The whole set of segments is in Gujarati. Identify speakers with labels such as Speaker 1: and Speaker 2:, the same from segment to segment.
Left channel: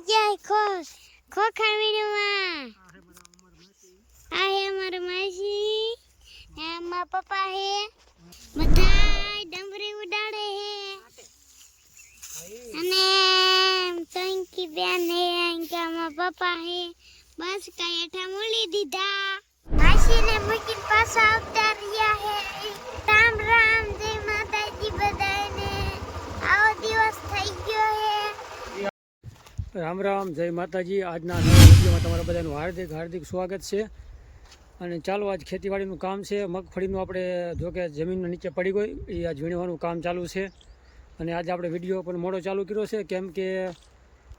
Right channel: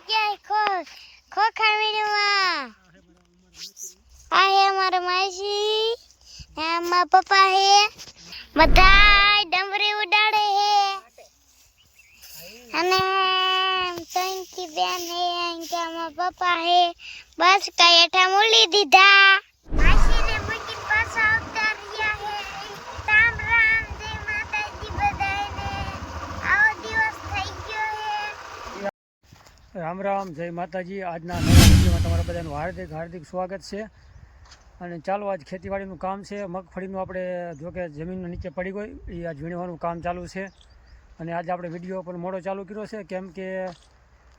Speaker 1: આવી ગયા ખોખ ખોખા વીણવા આ હે અમારા માસી. આ મારા પપ્પા હે. બધાય ડમરી ઉડાડે હે. અને ટંકી બેન હે અંકા મારા પપ્પા હે. બસ કઈ હેઠા મૂલી દીધા. માસીને મૂકીને પાછા આવતા રામ રામ, જય માતાજી.
Speaker 2: આજના નવા વિડીયોમાં તમારા બધાનું હાર્દિક હાર્દિક સ્વાગત છે. અને ચાલો, આજ ખેતીવાડીનું કામ છે. મગફળીનું આપણે, જો કે જમીનના નીચે પડી ગઈ એ આજ વીણવાનું કામ ચાલુ છે. અને આજે આપણે વીડિયો પણ મોડો ચાલુ કર્યો છે, કેમ કે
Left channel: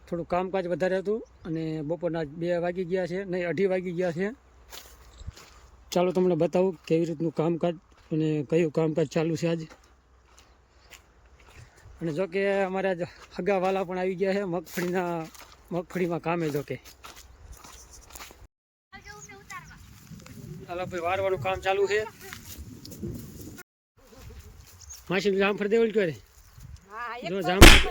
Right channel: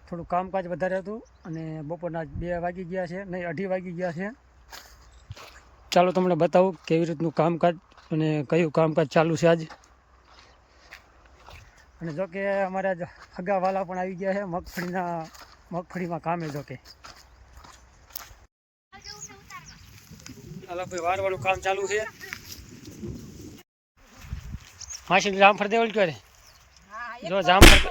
Speaker 2: થોડું કામકાજ વધારે હતું અને બપોરના બે વાગી ગયા છે, નહીં, અઢી વાગી ગયા છે. ચાલો, તમને બતાવું કેવી રીતનું કામકાજ અને કયું કામકાજ ચાલુ છે આજ. અને જો કે અમારા આજ હગાવાલા પણ આવી ગયા છે મગફળીના મગફળીમાં કામે જો કે. હાલો ભાઈ વારવાનું કામ ચાલુ છે. માસી જામફળ દેવલ ક્યારે? જો જામફળ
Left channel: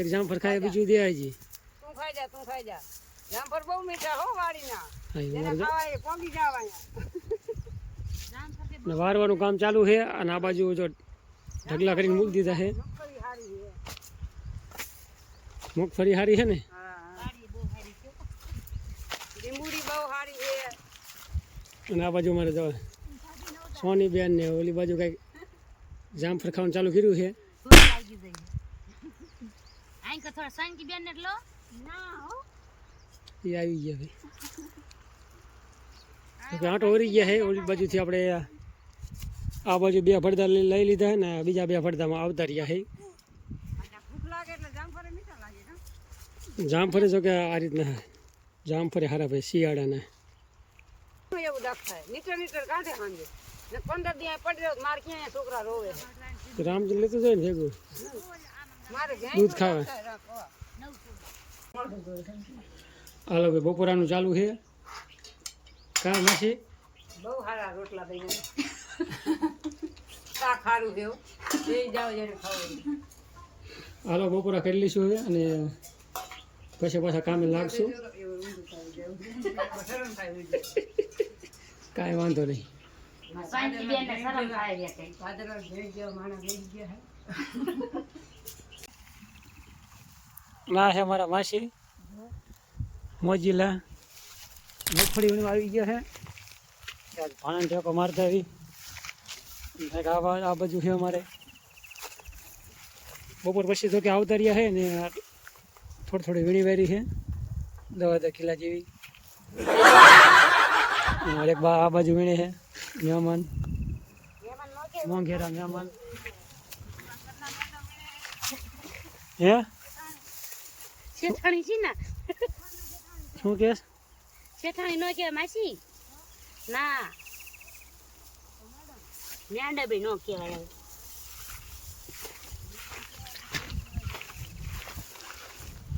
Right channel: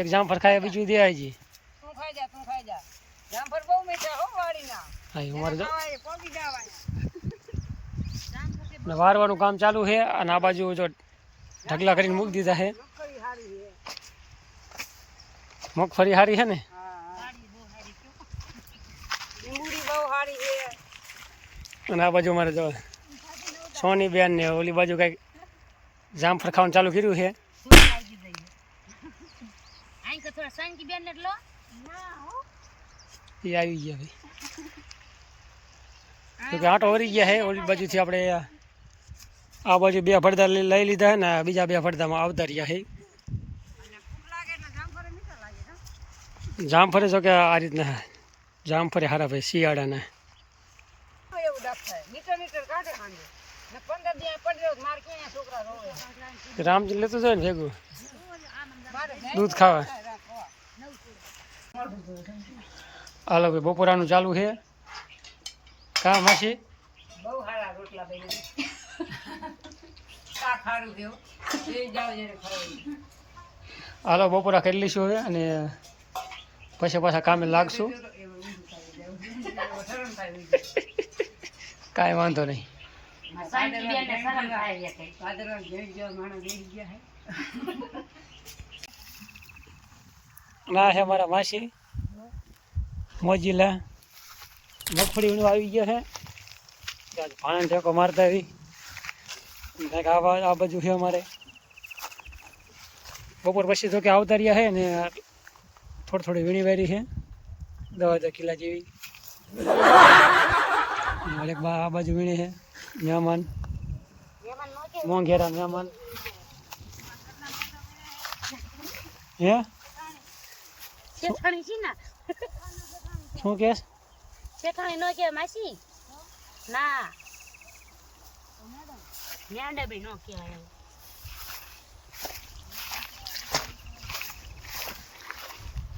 Speaker 2: એક જામફળ ખાય બીજું દે આજી
Speaker 3: તું ખાઈ જા તું ખાઈ જા. જામફળ બહુ મીઠા હો વાડીના.
Speaker 2: હા એ અમારે જો ને વારવાનું કામ ચાલુ છે અને આ બાજુ જો ઢગલા કરીને મૂકી દીધા છે.
Speaker 3: મગફળી
Speaker 2: સારી છે ને?
Speaker 3: હા હા
Speaker 2: અને આ બાજુ મારે જો સોની બેન ને ઓલી બાજુ કંઈક જામફળ ખાવાનું ચાલુ કર્યું છે. એ આવી ગયા ભાઈ. કે વરી ગયા છે ઓલી બાજુથી આપણે આ બાજુ બે ફળદા લઈ લીધા ને બીજા બે ફળદામાં આવતા રહ્યા છે.
Speaker 3: જામફળ
Speaker 2: જો કે આ રીતના જામફળે હારા ભાઈ, શિયાળાના. રામજી લેતું જાય ને ભેગું? દૂધ ખાવા. હાલો ભાઈ, બપોરાનું ચાલુ છે. કા માસી
Speaker 3: બહુ સારા રોટલા બની
Speaker 2: હાલો બપોરા કરી લઈશું હવે અને પછી પાછા કામે લાગશું. કાંઈ વાંધો નહીં. ના છે મારા માસી. મોજીલા. મગફળી આવી ગયા છે આજ ભાણ ઠેકો મારતા આવી આ બાજુ છે અમારે. બપોર પછી તો કે આવતા રહ્યા છે ને થોડી થોડી વીણી વેરી છે. દવા દખીલા જેવી. બા આ બાજુ વીણી છે. મહેમાન. મોંઘેરા મહેમાન. હે?
Speaker 1: શેઠાણી છે ના?
Speaker 2: શું કેસ?
Speaker 1: શેઠાણી નો કે માસી? ના. ન્યાંડા બી નો કહેવાય.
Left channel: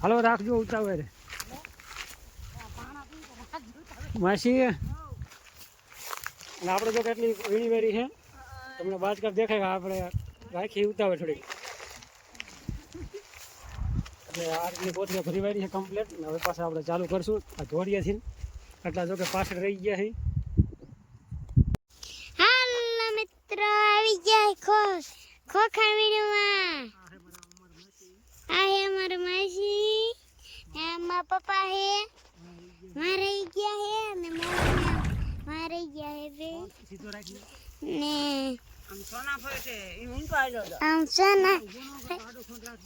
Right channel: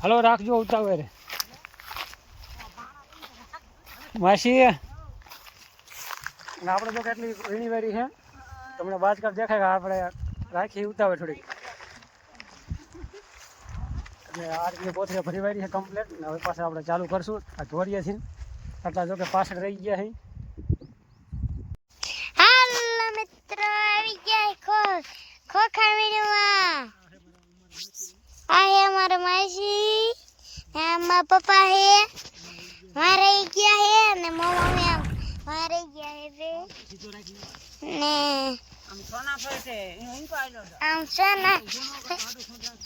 Speaker 2: હાલો, રાખજો ઉતાવળ. માસી આપણે તો કેટલી વીણી વેરી છે, તમને બાજકાપ દેખાય કે આપણે રાખી ઉતાવળ થોડીક. એટલે આ રીતની કોથળી ભરી વારી છે કમ્પ્લેટ ને હવે પાછા આપણે ચાલુ કરશું. આ છીએ આટલા જો કે પાછળ રહી ગયા છે
Speaker 1: હાલો મિત્રો આવી ગયા ખો ખોખા વીણવા આ હે અમારા માસી મારા પપ્પા હે મારે ગયા હે અને મમ્મી મારે ગયા હે ને
Speaker 3: આમ સોના ફરે છે અહીં હતો
Speaker 1: આમ સોના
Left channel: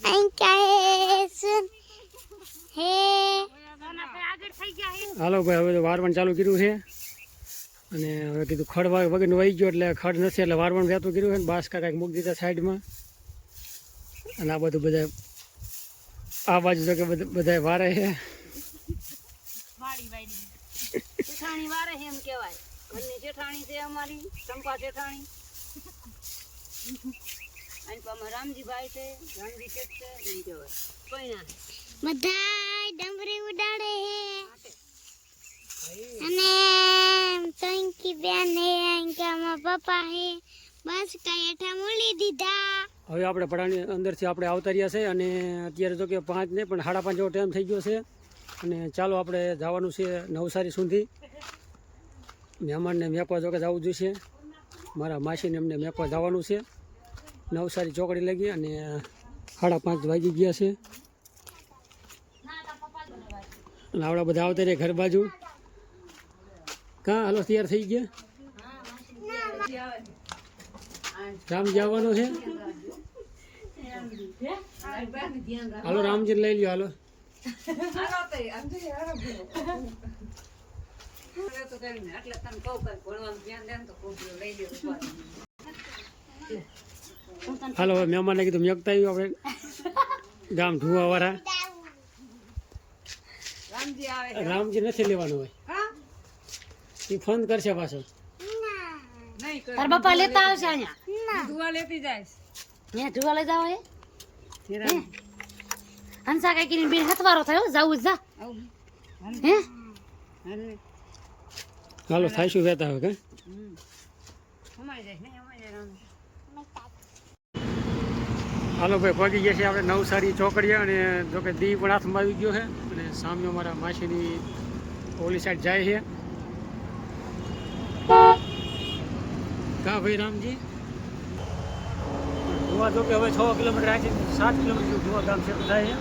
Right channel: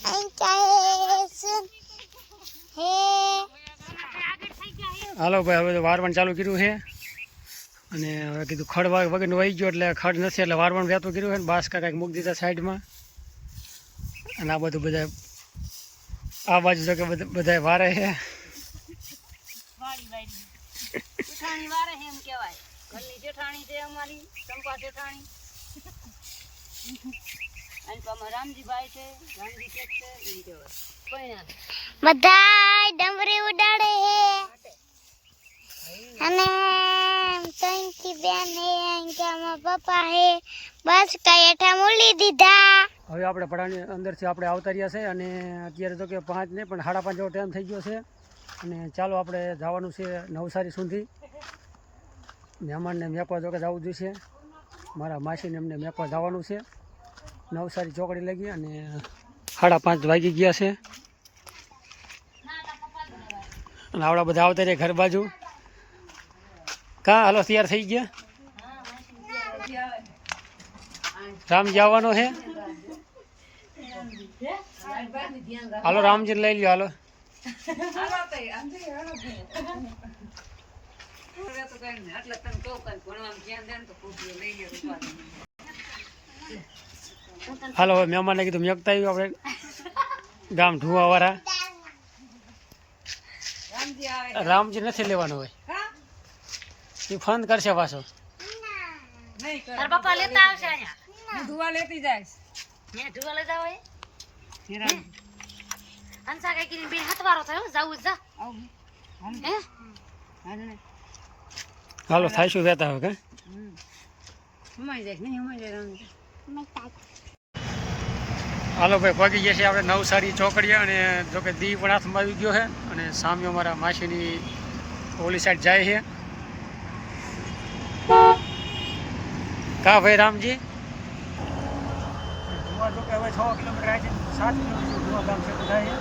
Speaker 1: અહીં કાય હે
Speaker 2: હાલો ભાઈ, હવે તો વારવાનું ચાલુ કર્યું છે. અને હવે કીધું ખડ વગરનું વહી ગયો એટલે ખડ નથી એટલે વારવાનું વહેતું કર્યું છે ને બાસકા કાંઈક મૂકી દીધા સાઈડમાં. અને આ બધું બધા આ બાજુ તો કે બધા વારે છે.
Speaker 3: વાડી વાડી. જેઠાણી વારે છે એમ કહેવાય. ઘરની જેઠાણી છે અમારી ચંપા જેઠાણી. રામજીભાઈ છે રામજી છે
Speaker 1: બધા ડમરી ઉડાડે હે અને ટંકી બેન હે અંકા પપ્પા હે. બસ કઈ હેઠા મૂલી દીધા.
Speaker 2: હવે આપણે પડાની અંદરથી આપણે આવતા રહ્યા છે અને અત્યારે તો કે પાંચ નહીં પણ સાડા પાંચ જેવો ટાઈમ થઈ ગયો છે. અને ચાલો આપણે જવાનું છે નવસારી સુધી. મહેમાનને મેપવા જોકે જવું જોઈશે. મારા માસીને એમને મેપવા જવાનું છે. નવસારી ચોકડી લાગી અને સાડા પાંચ વાગી ગયા છે. અને આવડા બધા આવતા રહ્યા ઘર બાજુ. કાં હાલો તૈયાર થઈ ગયા? રામજી આવવાનો છે? હાલો રામજી લઈ લ્યો હાલો. હાલો હવે મહેમાનને કીધું મેકતા આવ્યું આપણે. ગામ ઢુવાવાળા રામજી નથી લેવાનું હોય. એ ફોન કરશે પાછો.
Speaker 3: તાર બાપા લેતા આવશે અહીંયા. ધુવા લેતી જાય હે ધુવા લેતા હોય હંસા કઈ બેન હથવારો થયો જાવું જ હે?
Speaker 2: હાલો થાય શું વેતા હવે કે? હાલો ભાઈ પગી જશે છે આપણે નવસારી ચોકડીએ અને જોકે દી પણ હાથમાં આવી ગયો છે અને સામે અમારા માસીની ઓલી સાઈડ જાય છે. કા ભાઈ રામજી? ગોવા જો કે હવે છ કિલોમીટર આવે છે સાત કિલોમીટર ગોવા ધામ ગામ છે થાય છે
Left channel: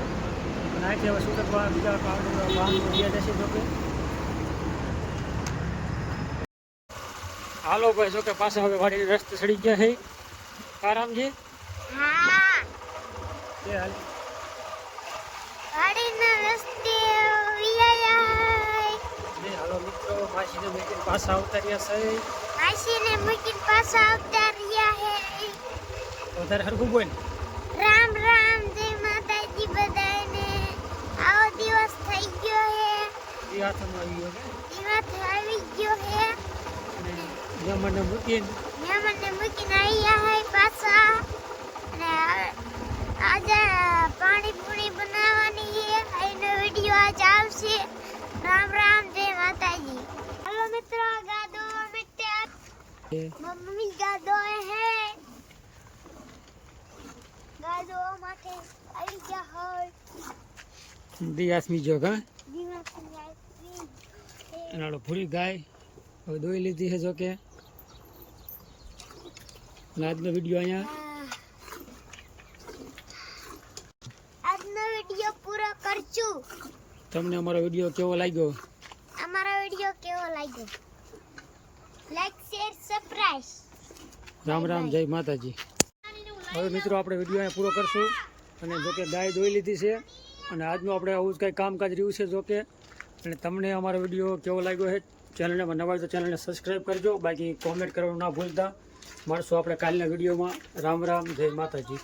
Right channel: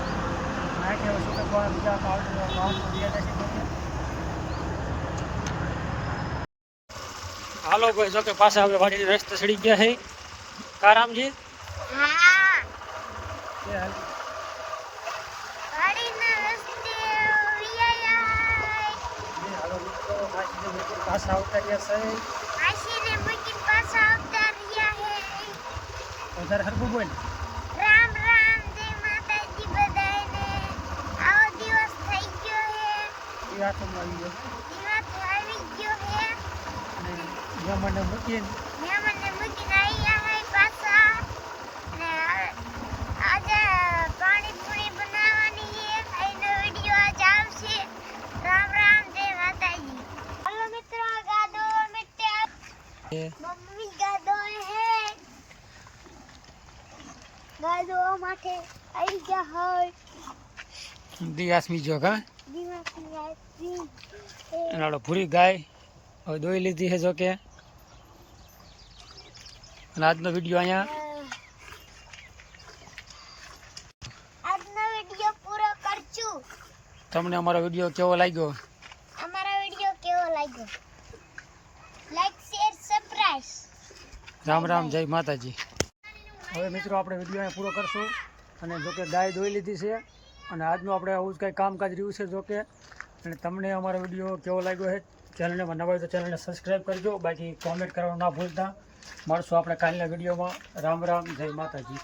Speaker 2: અને અહીંથી હવે છૂટક બીજા કાવડ વાહનો વ્યા જશે જો કે. હાલો ભાઈ જો કે પાછા હવે વાડીને રસ્તે ચડી ગયા છે કા રામજી?
Speaker 1: હા.
Speaker 2: એ હાલ? પાછા આવતા રહ્યા છે.
Speaker 1: આશીને મૂકીને પાછા આવતા રહ્યા હે
Speaker 2: વધારે હરખું બોલ
Speaker 1: રામ રામ જય માતાજી બધાને આવો દિવસ થઈ ગયો હે
Speaker 2: એ હાથમાં આવી ગયો છે
Speaker 1: દિવસ આવી ગયો હે
Speaker 2: અને જમણને મૂકીને
Speaker 1: મહેમાનને મૂકીને આવ્યા હે પાછા ને આજે પાણીપુરી બનાવવાની છે એનો વીડિયો આજ આવશે રામ રામ જય માતાજી હલો મિત્રો ગાદો મિત્ર
Speaker 2: એ
Speaker 1: મમ્મી ગાદો હે. ગાદો માટે આવી ગયા હોય.
Speaker 2: દિયાસમી જો કા એનાડો ભૂરી ગાય. હવે દોઈ લીધી છે જો કે અને આજનો વીડિયો અહીંયા
Speaker 1: આજનો વીડિયો પૂરો કરશું.
Speaker 2: તમને અમારો વીડિયો કેવો લાગ્યો
Speaker 1: અમારો વીડિયો કેવો લાગ્યો like share subscribe
Speaker 2: Ram Ram જય માતાજી. હવે મિત્રો આપણે વીડિયો અહીંયા પૂરો કરશું અને જોકે ગાય દોઈ લીધી છે અને આજનું આપણે આવું જ કંઈ કામકાજ રહ્યું છે જોકે અને તમને અમારો વીડિયો કેવો લાગ્યો છે ચેનલને નવા તો ચેનલને સબસ્ક્રાઈબ કરજો. બાકી કોમેન્ટ કરવાનું ના ભૂલતા. મળશું આપણે કાલના વિડીયોમાં. રામ રામ જય માતાજી.